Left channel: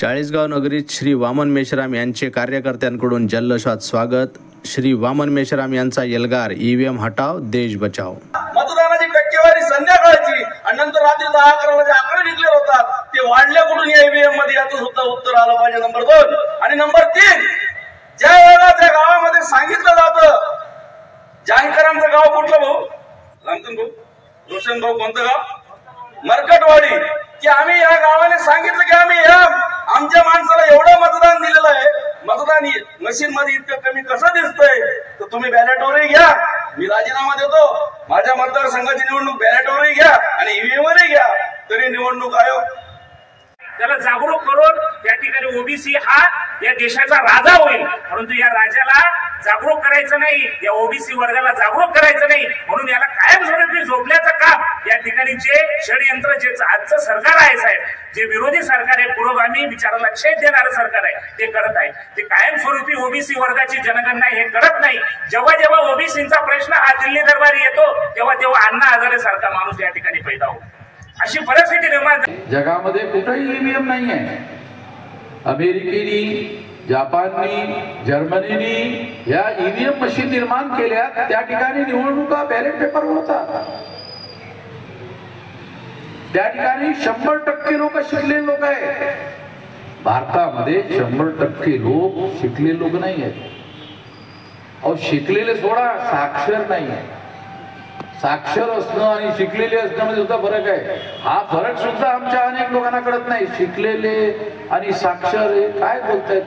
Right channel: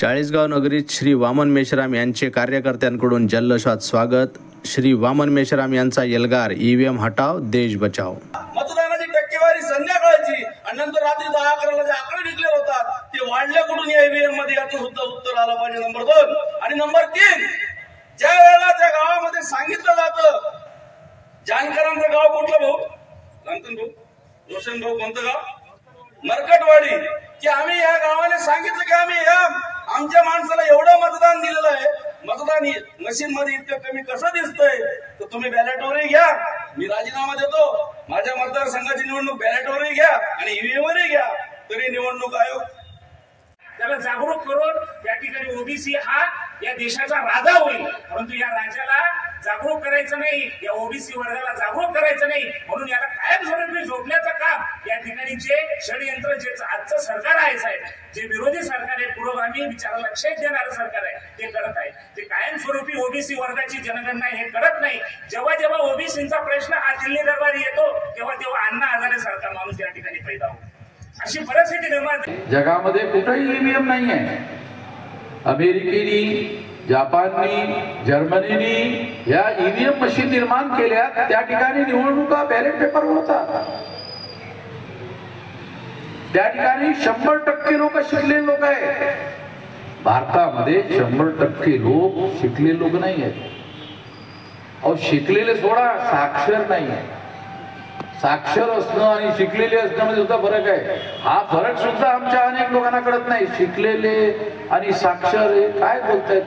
चाळीसगाव नगरीत श्री वामन मेश्राम यांचे कार्यकर्त्यांकडून जल्लोषात स्वागत। श्री वामन मेश्राम यांचा एल्गार ईव्हीएम हटाव देश बचाव। मतदानाची टक्केवारी संध्याकाळची आणि नंतर रात्री 10-11 जे आकडे निघले होतात ते वाढल्या कुठून या ईव्हीएम मध्ये याचं सुद्धा उत्तर आलं पाहिजे। नंबर 2 आणि नंबर 3 ज्या वेळेला त्या गावामध्ये सांगितलं जातं, जानकरांचं गाव कुठलं भाऊ? लांतून भाऊ, रोशन भाऊ, कोणतं गाव? मरकटवाडी। की आम्ही या गावाने सांगितलं की आम्ही या आमच्या माणसाला एवढं मतदान दिलेलं आहे, मतदान मशीन मध्ये इतकं कमी कसं दिसतंय, तर तुम्ही बॅलेटवरही घ्या, मी राजीनामा देतो, माझ्या मतदारसंघाची निवडणूक बॅलेटवरही घ्या आणि ईव्हीएम वरही घ्या, तरी निवडणूक आयोग त्याला जागरूक करून या ठिकाणी ओबीसी हा या देशाचा राजा होईल। परंतु या राजाला जागरूक करायचं नाही, या ओबीसी वर्गाला जागरूक करायचं नाही, म्हणून याला कायमस्वरूपी झोपल्याचं काम या ठिकाणी जे षडयंत्र जे आजचं सरकार आहे साहेब, जे विरोधी सरकार आहे, पुरोगामी विचाराला छेद देणारं सरकार आहे, ते करत आहे। ते कायमस्वरूपी ओबीसी वर्गाची जनगणना हे करत नाही। जेव्हा जेव्हा ओबीसीचा प्रश्न हा दिल्ली दरबारी येतो तेव्हा तेव्हा अण्णा हजारे सारखा माणूस या ठिकाणी पैदा होतो। अशी परिस्थिती निर्माण जगामध्ये कुठेही ईव्हीएम नाही आहे। अमेरिकेनी, जपाननी, जर्मनीनी या ईव्हीएम मशीन निर्माण केल्या, त्या ठिकाणी निवडणुका बॅलेट पेपर होता। त्या ठिकाणी 100% लोक शिकलेले लोक आहेत। भारतामध्ये 100% लोक शिकलेले लोक नाही आहेत। अहो शिकलेले सोडा, साक्षर नाही आहे। साक्षर असणं आणि शिकलेले असण्यामध्ये सुद्धा फरक आहे। हा फरक सुद्धा आमच्या अनेक लोकांना कळत नाही। शिकलेले आणि साक्षर हे काय बोलतायत?